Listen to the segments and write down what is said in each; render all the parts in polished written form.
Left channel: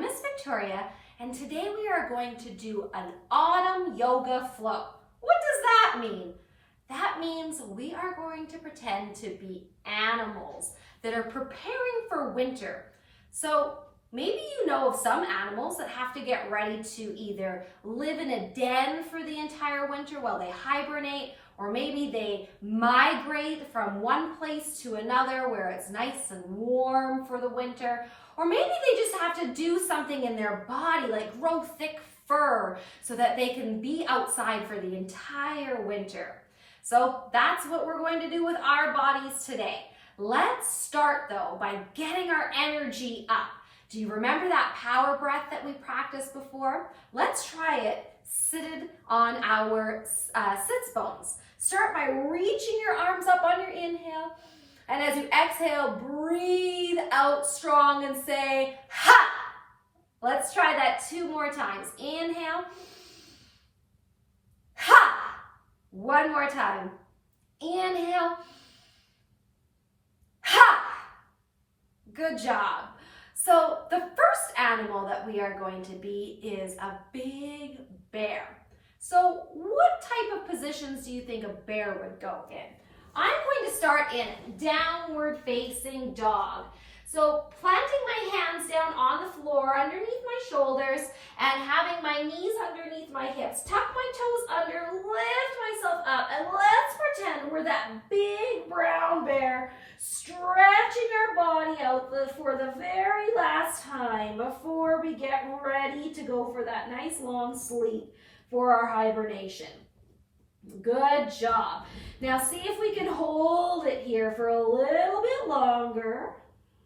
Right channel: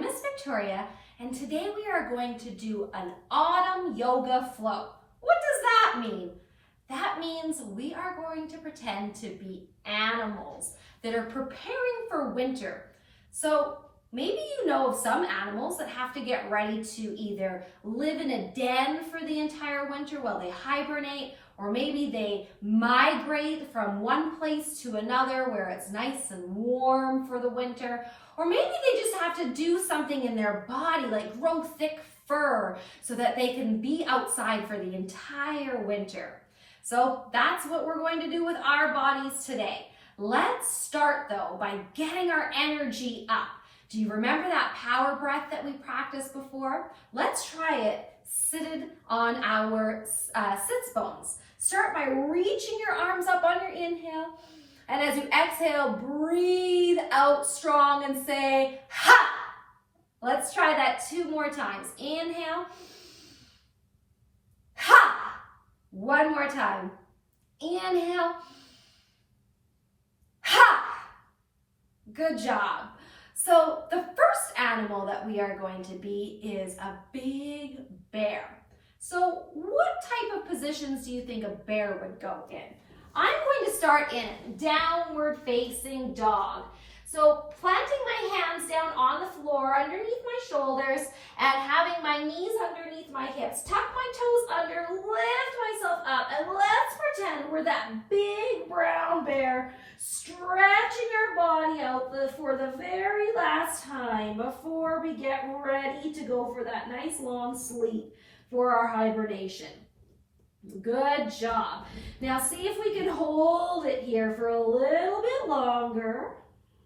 am Miss Victoria, and today we are going to do an autumn yoga flow. What does that mean? That means we are going to pretend to be animals that are preparing for winter. So maybe you know of some animals that have to get ready to either live in a den for the entire winter while they hibernate, or maybe they migrate from one place to another where it's nice and warm for the winter, or maybe they just have to do something in their body like grow thick fur so that they can be outside for the entire winter. So that's what we're going to do with our bodies today. Let's start though by getting our energy up. Do you remember that power breath that we practiced before? Let's try it seated on our sits bones. Start by reaching your arms up on your inhale, and as you exhale, breathe out strong and say, ha! Let's try that 2 more times. Inhale, ha! 1 more time. Inhale, ha! Good job. So the first animal that we are going to be is a big bear. So what type of positions do you think a bear would go in? I'm going to start in downward facing dog. So planting my hands down on the floor underneath my shoulders and having my knees underneath my hips. Tuck my toes under, lift myself up, and let's pretend we're that big brown bear stretching our body out for the very last time before we get ready to go for that nice long sleep for our hibernation. Good job. Now see if we can hold it here for a little bit longer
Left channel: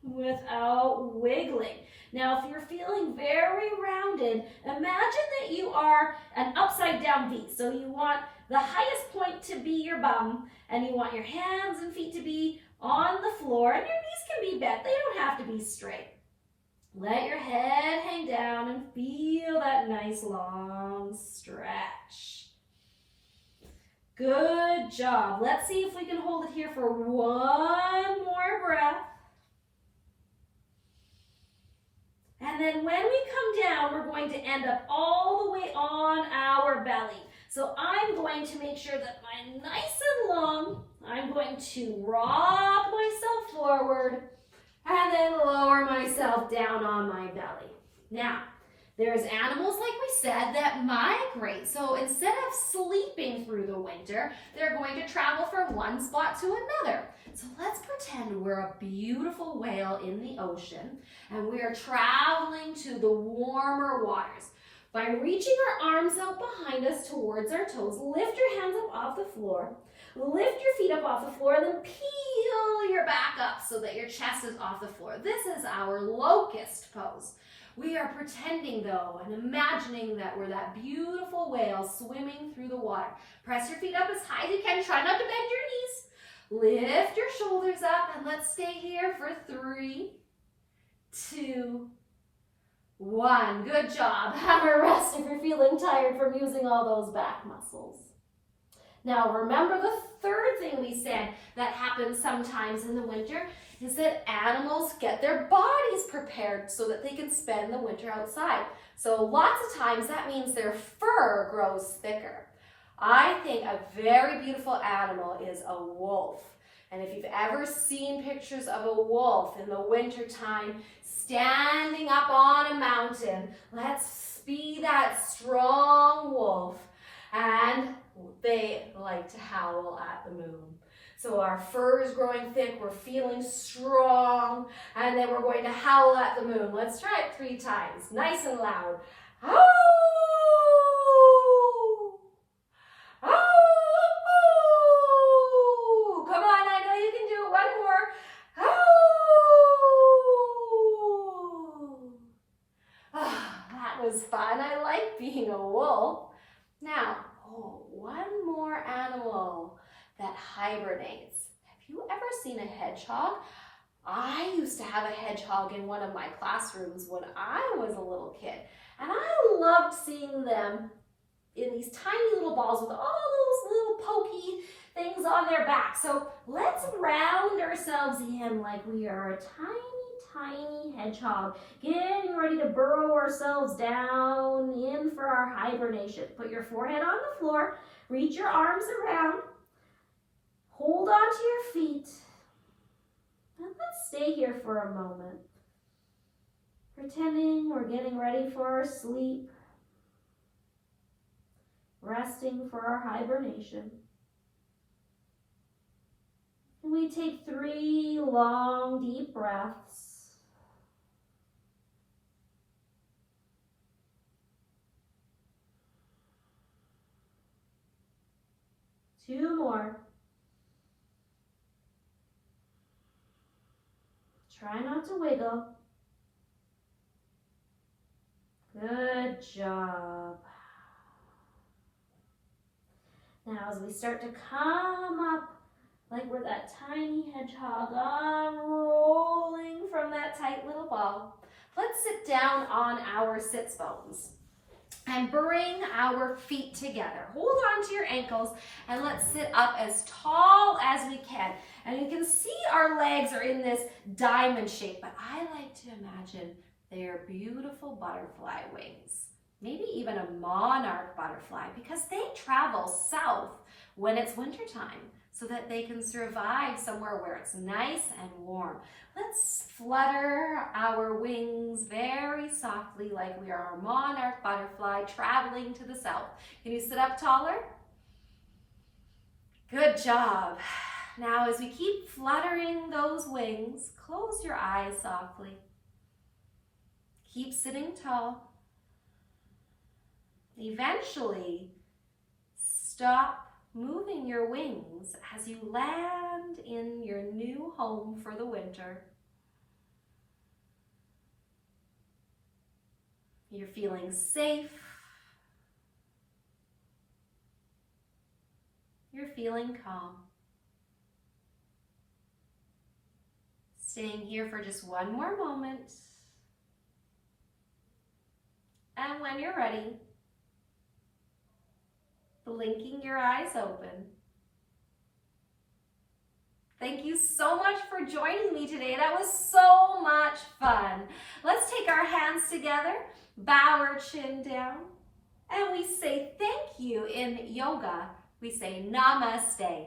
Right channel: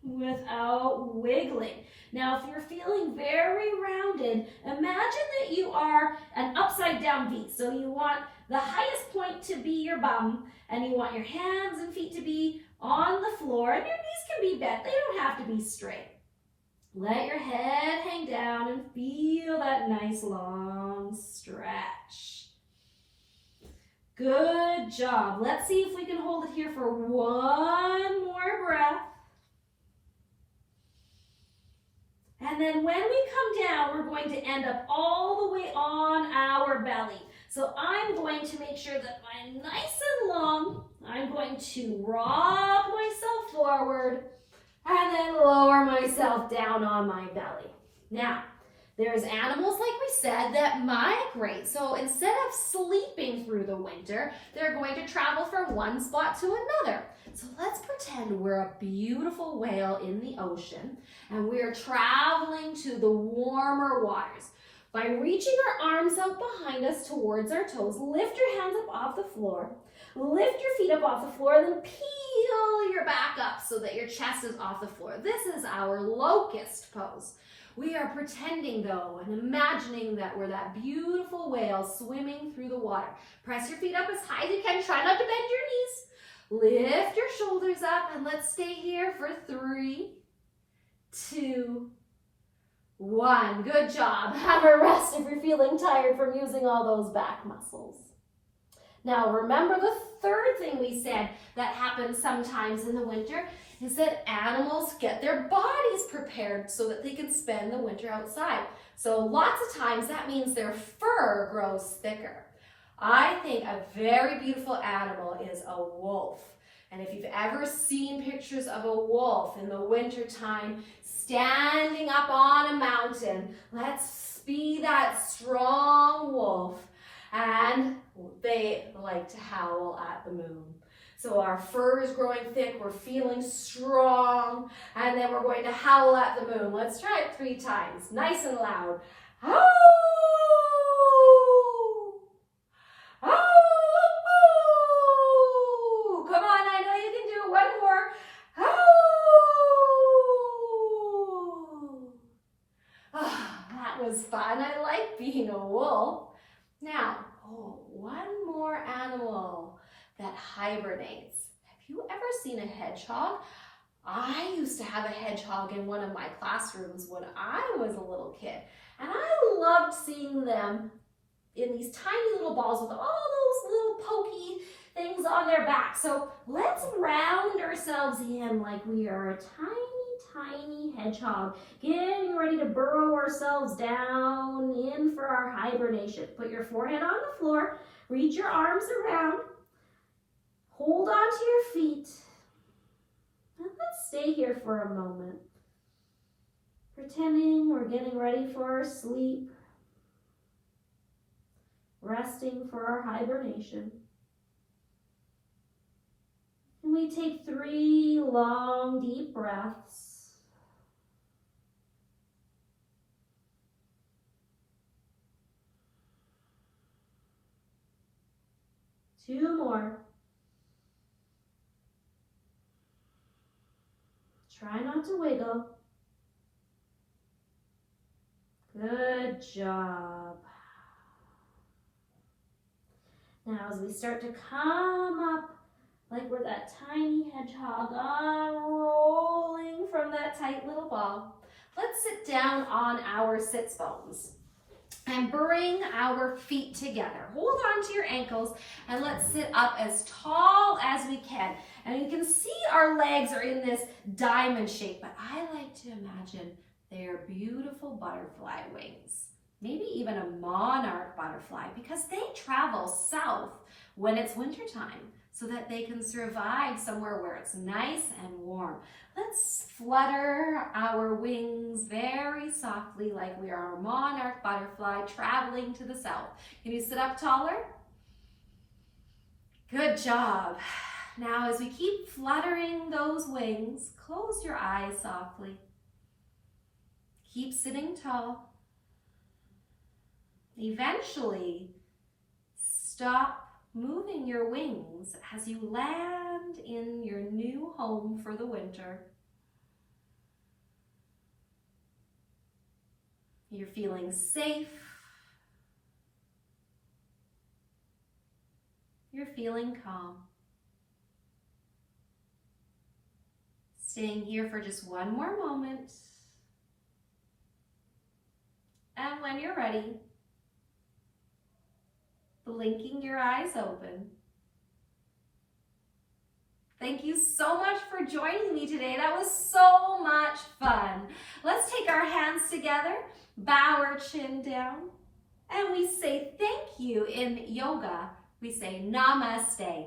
without wiggling. Now if you're feeling very rounded, imagine that you are an upside down V. So you want the highest point to be your bum, and you want your hands and feet to be on the floor, and your knees can be bent. They don't have to be straight. Let your head hang down and feel that nice long stretch. Good job. Let's see if we can hold it here for 1 more breath. And then when we come down, we're going to end up all the way on our belly. So I'm going to make sure that I'm nice and long. I'm going to rock myself forward and then lower myself down on my belly. Now, there's animals, like we said, that migrate. So instead of sleeping through the winter, they're going to travel from one spot to another. So let's pretend we're a beautiful whale in the ocean and we are traveling to the warmer waters. By reaching our arms out behind us towards our toes, lift your hands up off the floor, lift your feet up off the floor, and then peel your back up so that your chest is off the floor. This is our locust pose. We are pretending though and imagining that we're that beautiful whale swimming through the water. Press your feet up as high as you can. Try not to bend your knees. Lift your shoulders up and let's stay here for 3, 2, 1. Good job. Have a rest if you're feeling tired from using all those back muscles. Now remember the third thing we said that happens sometimes in the winter is that animals get their bodies prepared so that they can spend the winter outside. So lots of times that means their fur grows thicker. I think a very beautiful animal is a wolf. And if you've ever seen pictures of a wolf in the wintertime standing up on a mountain, let's be that strong wolf. And they like to howl at the moon. So our fur is growing thick, we're feeling strong, and then we're going to howl at the moon. Let's try it 3 times, nice and loud. Howl! Howl! Come on, I know you can do it. 1 more. Howl! Ah, that was fun. I like being a wolf. Now, 1 more animal that hibernates. Have you ever seen a hedgehog? I used to have a hedgehog in one of my classrooms when I was a little kid, and I loved seeing them in these tiny little balls with all those little pokey things on their back. So let's round ourselves in like we are a tiny, tiny hedgehog, getting ready to burrow ourselves down in for our hibernation. Put your forehead on the floor, reach your arms around, hold onto your feet, and let's stay here for a moment, pretending we're getting ready for our sleep, resting for our hibernation. And we take 3 long, deep breaths. Two more. Try not to wiggle. Good job. Now as we start to come up like we're that tiny hedgehog, unrolling from that tight little ball, let's sit down on our sits bones and bring our feet together. Hold on to your ankles and let's sit up as tall as we can. And you can see our legs are in this diamond shape, but I like to imagine they are beautiful butterfly wings. Maybe even a monarch butterfly, because they travel south when it's wintertime so that they can survive somewhere where it's nice and warm. Let's flutter our wings very softly like we are a monarch butterfly traveling to the south. Can you sit up taller? Good job. Now as we keep fluttering those wings, close your eyes softly. Keep sitting tall. Eventually, stop moving your wings as you land in your new home for the winter. You're feeling safe. You're feeling calm. Staying here for just one more moment. And when you're ready, blinking your eyes open. Thank you so much for joining me today. That was so much fun. Let's take our hands together, bow our chin down, and we say thank you in yoga. We say namaste.